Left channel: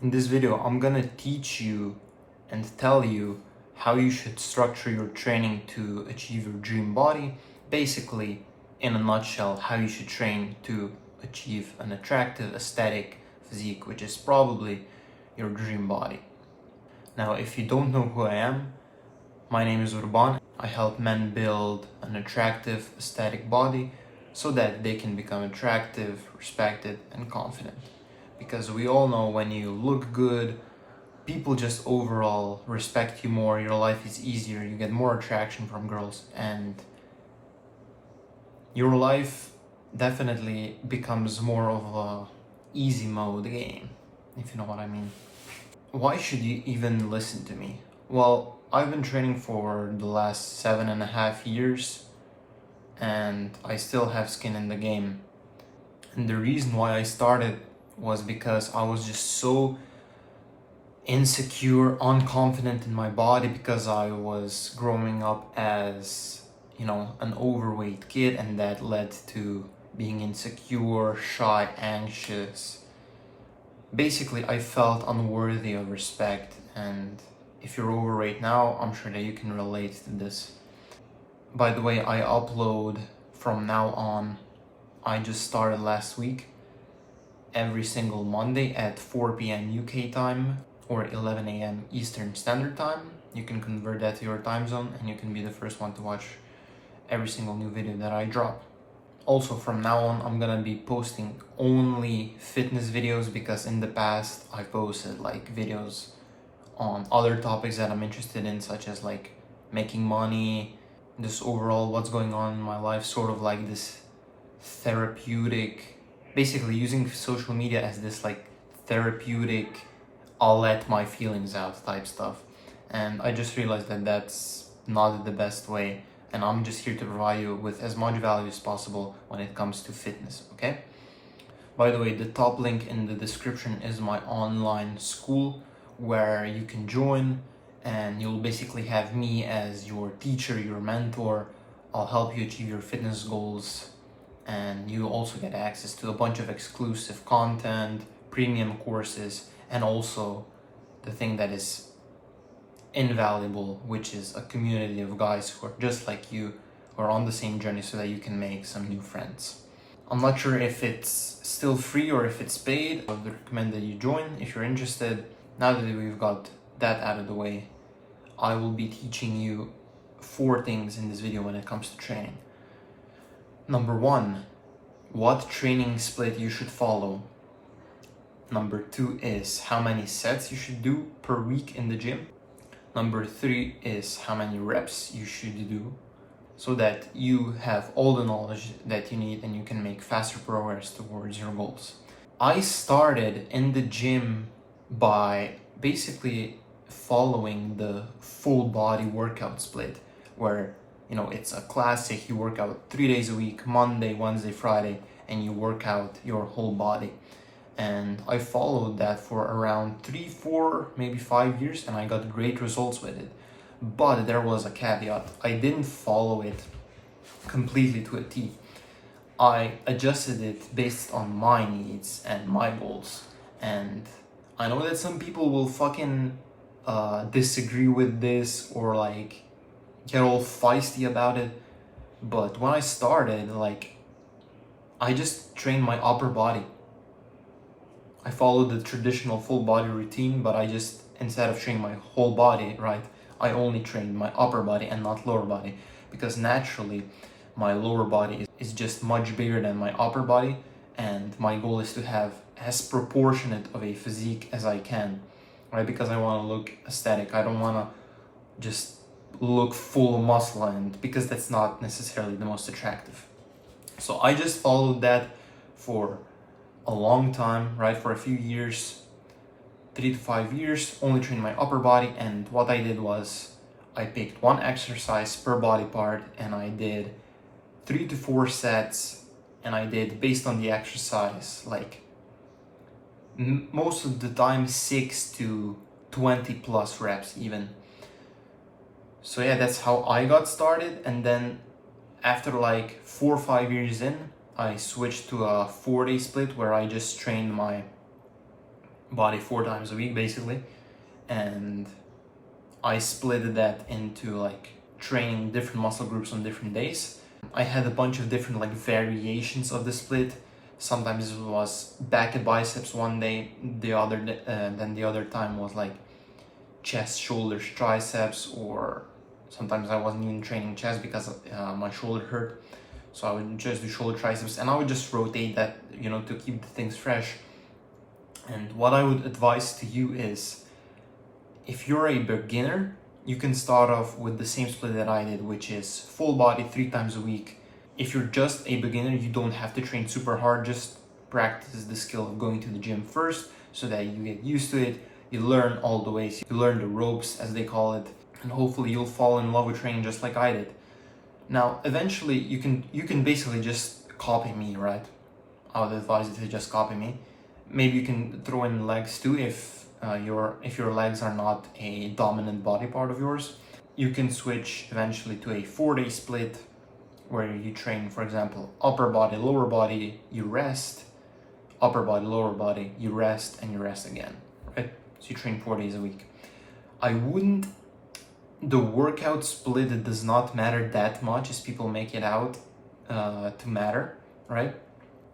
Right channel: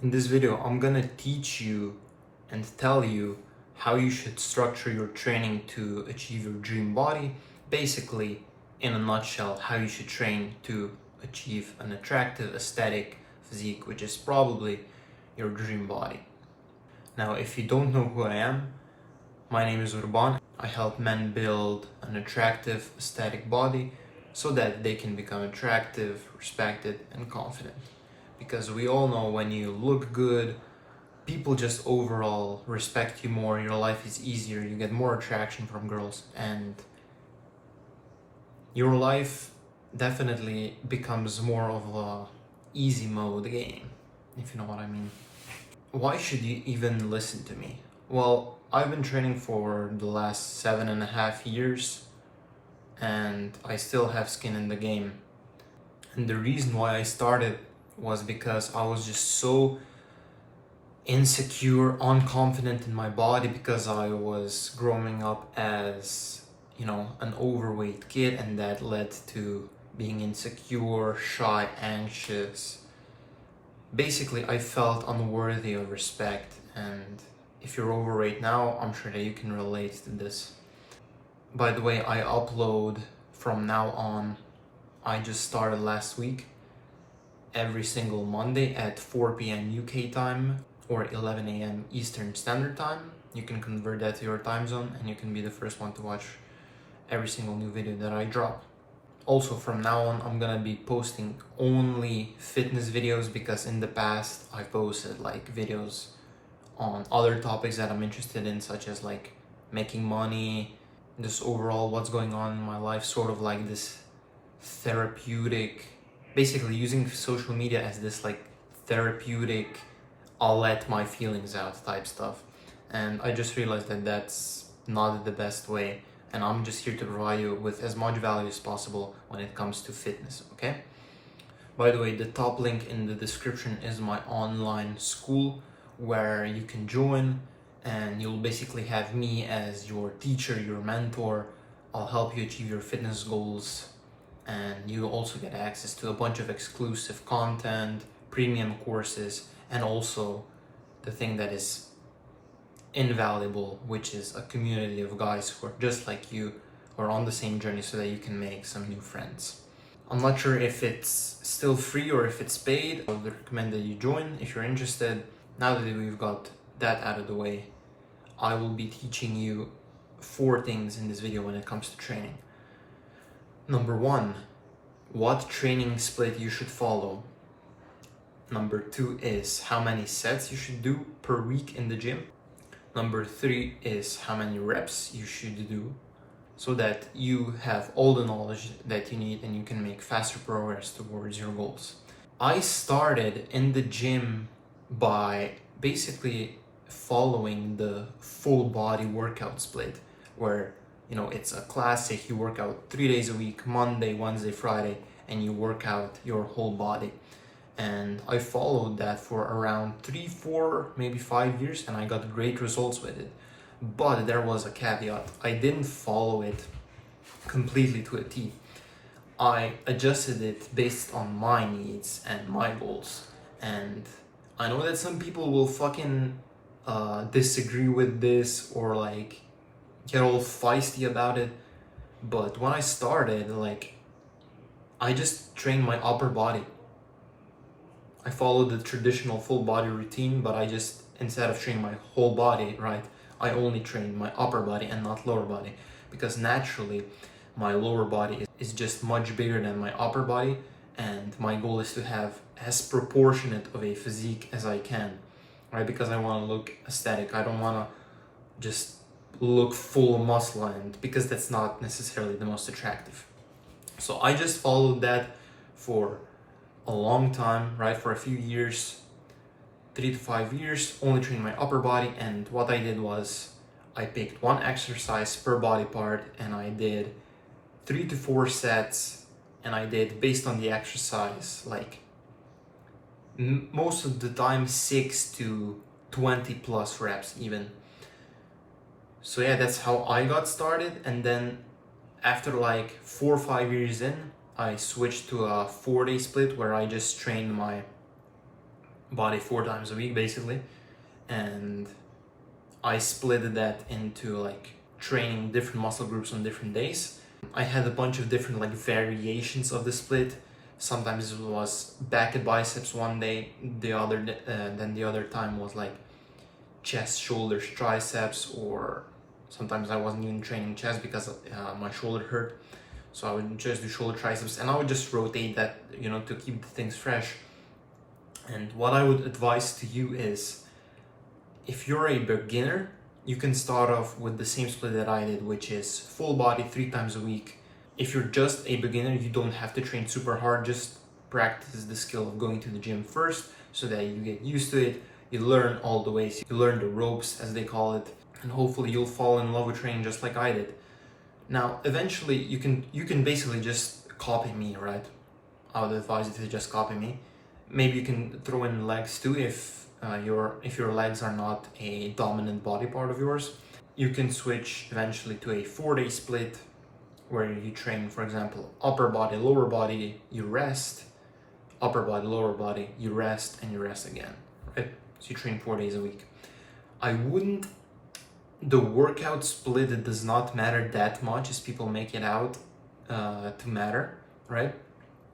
In this video, I'm gonna teach you and tell you how you should structure your training to achieve your dream body. Basically, in a nutshell, how you should train to achieve an attractive, aesthetic physique, which is probably your dream body. Now, if you don't know who I am, my name is Urban. I help men build an attractive, aesthetic body so that they can become attractive, respected, and confident. Because we all know when you look good, people just overall respect you more, your life is easier, you get more attraction from girls, and your life definitely becomes more of a easy mode game, if you know what I mean. Why should you even listen to me? Well, I've been training for the last 7.5 years and I still have skin in the game. And the reason why I started was because I was just so insecure, unconfident in my body because I was growing up as, an overweight kid, and that led to being insecure, shy, anxious. Basically, I felt unworthy of respect, and if you're overweight now, I'm sure that you can relate to this. By the way, I upload from now on. I just started last week, every single Monday at 4 p.m. UK time or 11 a.m. Eastern Standard Time. You can convert that to your time zone and you can be the first one to watch every single new video that I drop. Also, from now on, I'm gonna be posting only fitness videos because in the past I posted like videos on other topics that I'm interested in, such as like making money, just overall what's going on in my life, sort of like this therapeutic, basically using social media as this like therapeutic, I'll let my feelings out type stuff. And I just realized that that's not the best way, and I'm just here to provide you with as much value as possible when it comes to fitness, okay? By the way, the top link in the description is my online school where you can join, and you'll basically have me as your teacher, your mentor. I'll help you achieve your fitness goals, and you also get access to a bunch of exclusive content, premium courses, and also the thing that is invaluable, which is a community of guys who are just like you, who are on the same journey, so that you can make some new friends. I'm not sure if it's still free or if it's paid. I would recommend that you join if you're interested. Now that we've got that out of the way, I will be teaching you 4 things in this video when it comes to training. Number 1, what training split you should follow. Number 2 is how many sets you should do per week in the gym. Number 3 is how many reps you should do so that you have all the knowledge that you need and you can make faster progress towards your goals. I started in the gym by basically following the full body workout split, where it's a classic. You work out 3 days a week, Monday, Wednesday, Friday, and you work out your whole body. And I followed that for around 3, 4, maybe 5 years, and I got great results with it. But there was a caveat. I didn't follow it completely to a T. I adjusted it based on my needs and my goals. And I know that some people will fucking disagree with this or like get all feisty about it. But when I started, I just trained my upper body. I followed the traditional full body routine, but I just, instead of training my whole body, right, I only trained my upper body and not lower body, because naturally my lower body is just much bigger than my upper body, and my goal is to have as proportionate of a physique as I can, right? Because I want to look aesthetic. I don't want to just look full muscle, and because that's not necessarily the most attractive. So I just followed that for a long time, right? For a few years, 3 to 5 years, only trained my upper body. And what I did was I picked one exercise per body part and I did 3 to 4 sets, and I did, based on the exercise, like most of the time 6 to 20 plus reps even. So yeah, that's how I got started. And then after like 4 or 5 years in, I switched to a 4-day split where I just trained my body 4 times a week basically, and I split that into like training different muscle groups on different days. I had a bunch of different like variations of the split. Sometimes it was back and biceps one day, then the other time was like chest, shoulders, triceps, or sometimes I wasn't even training chest because my shoulder hurt. So I would just do shoulder, triceps, and I would just rotate that, to keep the things fresh. And what I would advise to you is, if you're a beginner, you can start off with the same split that I did, which is full body 3 times a week. If you're just a beginner, you don't have to train super hard, just practice the skill of going to the gym first so that you get used to it. You learn all the ways, you learn the ropes as they call it, and hopefully you'll fall in love with training just like I did. Now, eventually you can basically just copy me, right? I would advise you to just copy me. Maybe you can throw in legs too if your legs are not a dominant body part of yours. You can switch eventually to a 4-day split where you train, for example, upper body, lower body, you rest, upper body, lower body, you rest, and you rest again, right? So you train 4 days a week. The workout split, it does not matter that much as people make it out to matter, right?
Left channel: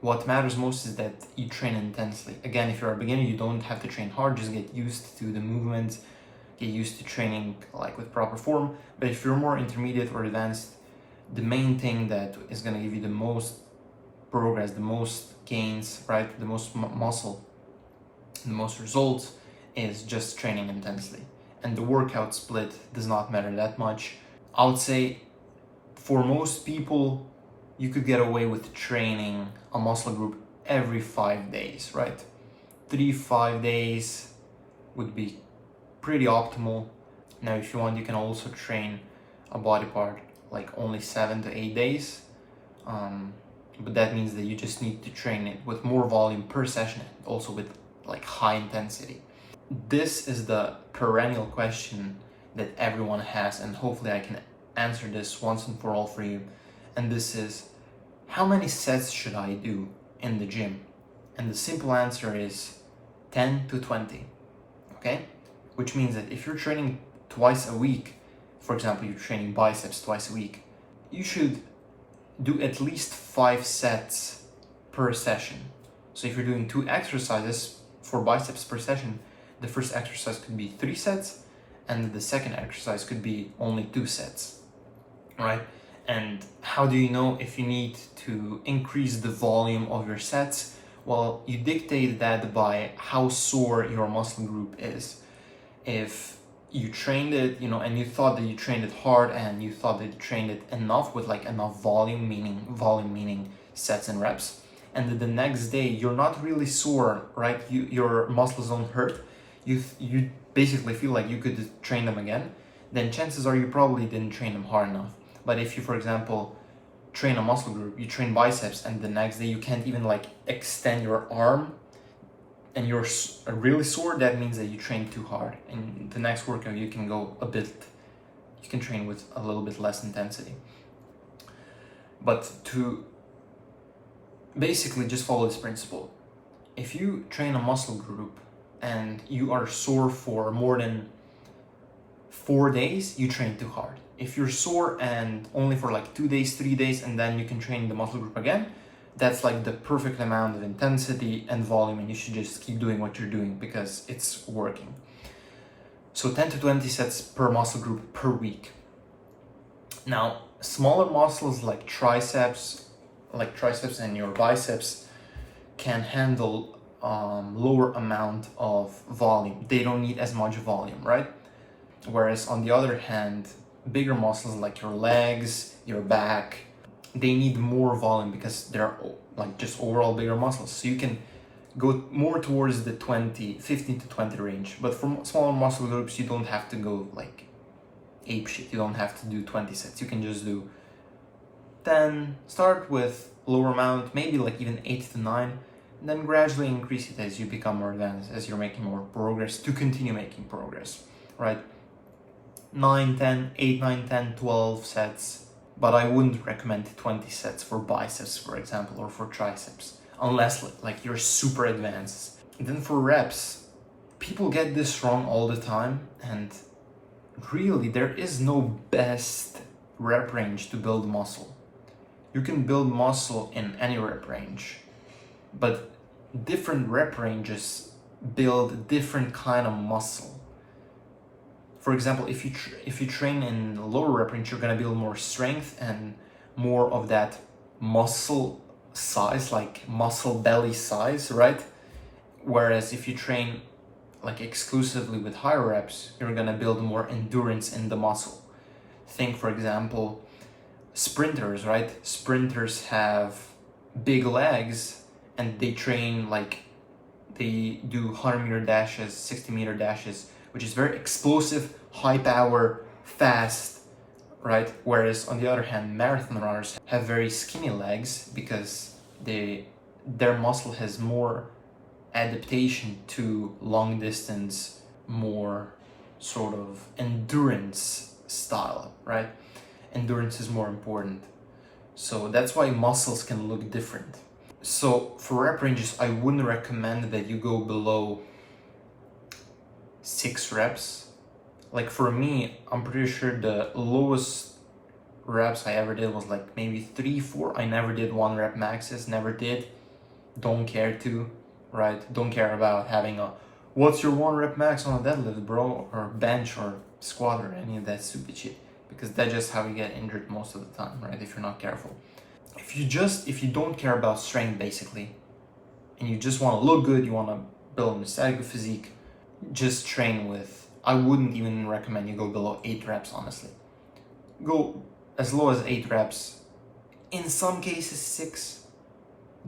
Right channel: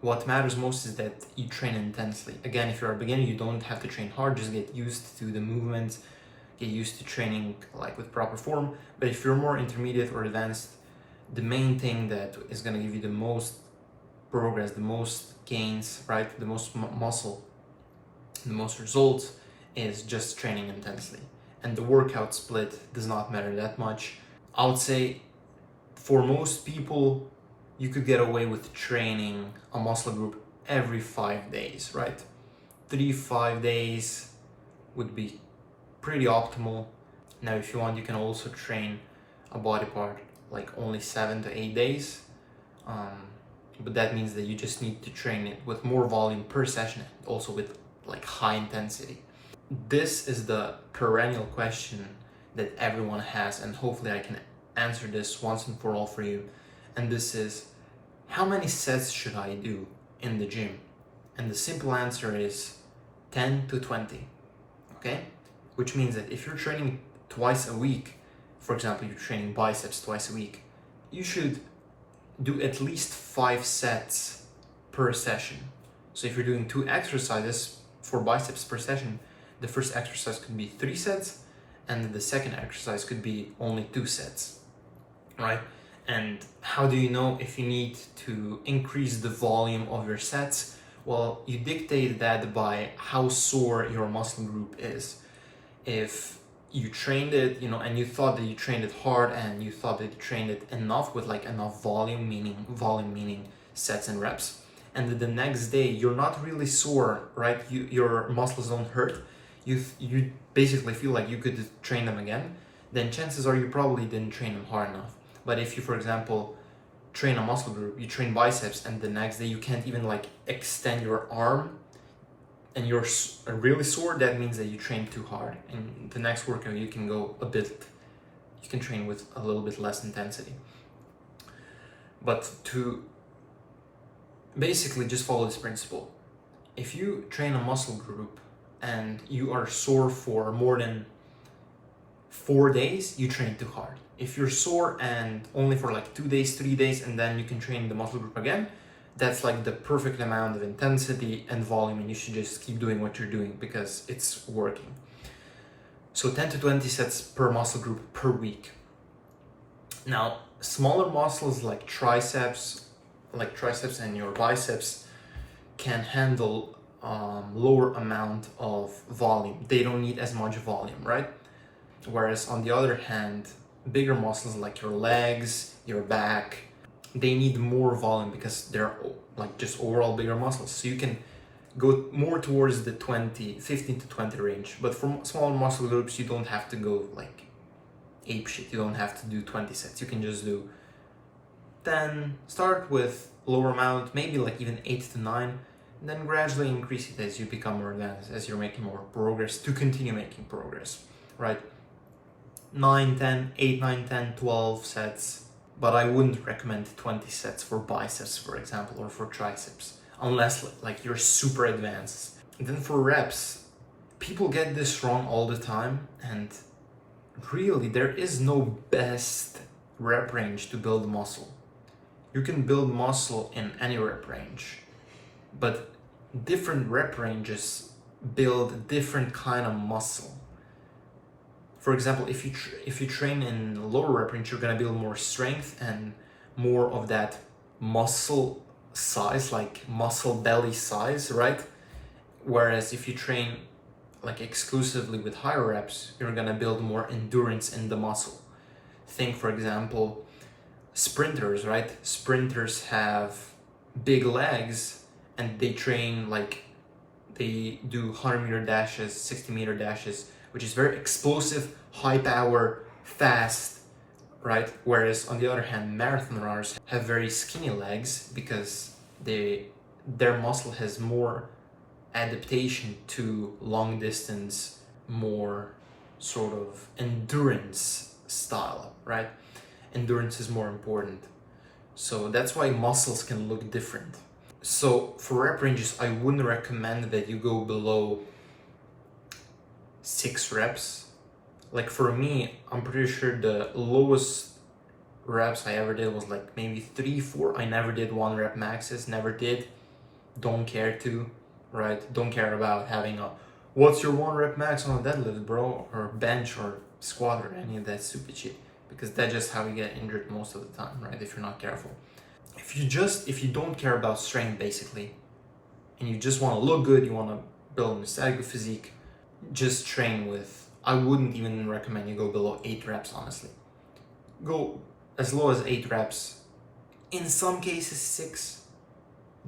What matters most is that you train intensely. Again, if you're a beginner, you don't have to train hard, just get used to the movements, get used to training like with proper form. But if you're more intermediate or advanced, the main thing that is going to give you the most progress, the most gains, right, the most muscle, the most results is just training intensely. And the workout split does not matter that much. I would say for most people, you could get away with training a muscle group every 5 days, right? 3-5 days would be pretty optimal. Now, if you want, you can also train a body part like only 7 to 8 days. But that means that you just need to train it with more volume per session, also with like high intensity. This is the perennial question that everyone has, and hopefully I can answer this once and for all for you. And this is, how many sets should I do in the gym? And the simple answer is 10 to 20, okay? Which means that if you're training twice a week, for example, you're training biceps twice a week, you should do at least 5 sets per session. So if you're doing 2 exercises for biceps per session, the first exercise could be 3 sets, and the second exercise could be only 2 sets, right? And how do you know if you need to increase the volume of your sets? Well, you dictate that by how sore your muscle group is. If you trained it, and you thought that you trained it hard and you thought that you trained it enough with like enough volume meaning sets and reps, and then the next day you're not really sore, right? Your muscles don't hurt. You basically feel like you could train them again, then chances are you probably didn't train them hard enough. But if you, for example, train a muscle group, you train biceps, and the next day you can't even like extend your arm and you're really sore, that means that you trained too hard. And the next workout you can train with a little bit less intensity. But to basically just follow this principle, if you train a muscle group and you are sore for more than 4 days, you train too hard. If you're sore and only for like 2 days, 3 days, and then you can train the muscle group again, that's like the perfect amount of intensity and volume, and you should just keep doing what you're doing because it's working. So 10 to 20 sets per muscle group per week. Now, smaller muscles like triceps and your biceps can handle lower amount of volume. They don't need as much volume, right? Whereas on the other hand, bigger muscles like your legs, your back, they need more volume because they're like just overall bigger muscles. So you can go more towards the 15 to 20 range. But for smaller muscle groups, you don't have to go like ape shit. You don't have to do 20 sets. You can just do 10, start with lower amount, maybe like even 8 to 9, and then gradually increase it as you become more advanced, as you're making more progress, to continue making progress, right? 9, 10, 8, 9, 10, 12 sets, but I wouldn't recommend 20 sets for biceps, for example, or for triceps, unless like you're super advanced. And then for reps, people get this wrong all the time, and really there is no best rep range to build muscle. You can build muscle in any rep range, but different rep ranges build different kind of muscle. For example, if you train in lower rep range, you're gonna build more strength and more of that muscle size, like muscle belly size, right? Whereas if you train like exclusively with higher reps, you're gonna build more endurance in the muscle. Think, for example, sprinters, right? Sprinters have big legs and they train like they do 100-meter dashes, 60-meter dashes, which is very explosive, high power, fast, right? Whereas on the other hand, marathon runners have very skinny legs because their muscle has more adaptation to long distance, more sort of endurance style, right? Endurance is more important. So that's why muscles can look different. So for rep ranges, I wouldn't recommend that you go below 6 reps. Like for me, I'm pretty sure the lowest reps I ever did was like maybe 3, 4. I never did 1 rep maxes, never did. Don't care to, right? Don't care about having a, what's your 1 rep max on a deadlift, bro? Or bench or squat or any of that stupid shit. Because that's just how you get injured most of the time, right? If you're not careful. If you don't care about strength basically, and you just want to look good, you want to build an aesthetic physique, just train with, I wouldn't even recommend you go below 8 reps, honestly. Go as low as 8 reps, in some cases 6,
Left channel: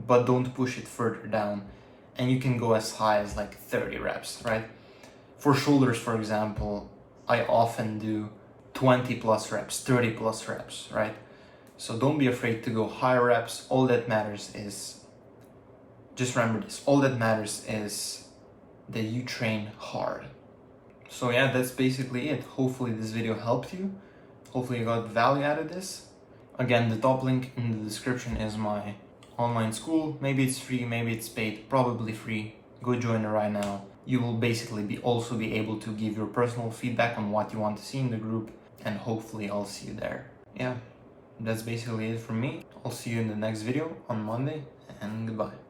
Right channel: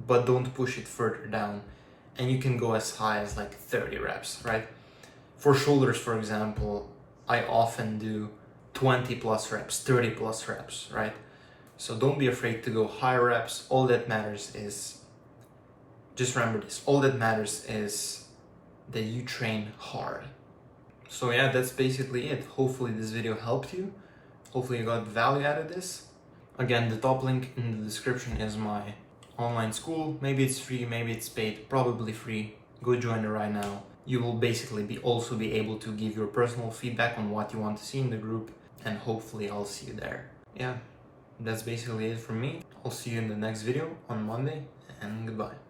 but don't push it further down. And you can go as high as like 30 reps, right? For shoulders, for example, I often do 20 plus reps, 30 plus reps, right? So don't be afraid to go higher reps. All that matters is, just remember this, all that matters is that you train hard. So yeah, that's basically it. Hopefully this video helped you. Hopefully you got value out of this. Again, the top link in the description is my online school. Maybe it's free, maybe it's paid, probably free. Go join it right now. You will basically also be able to give your personal feedback on what you want to see in the group, and hopefully I'll see you there. Yeah, that's basically it from me. I'll see you in the next video on Monday, and goodbye.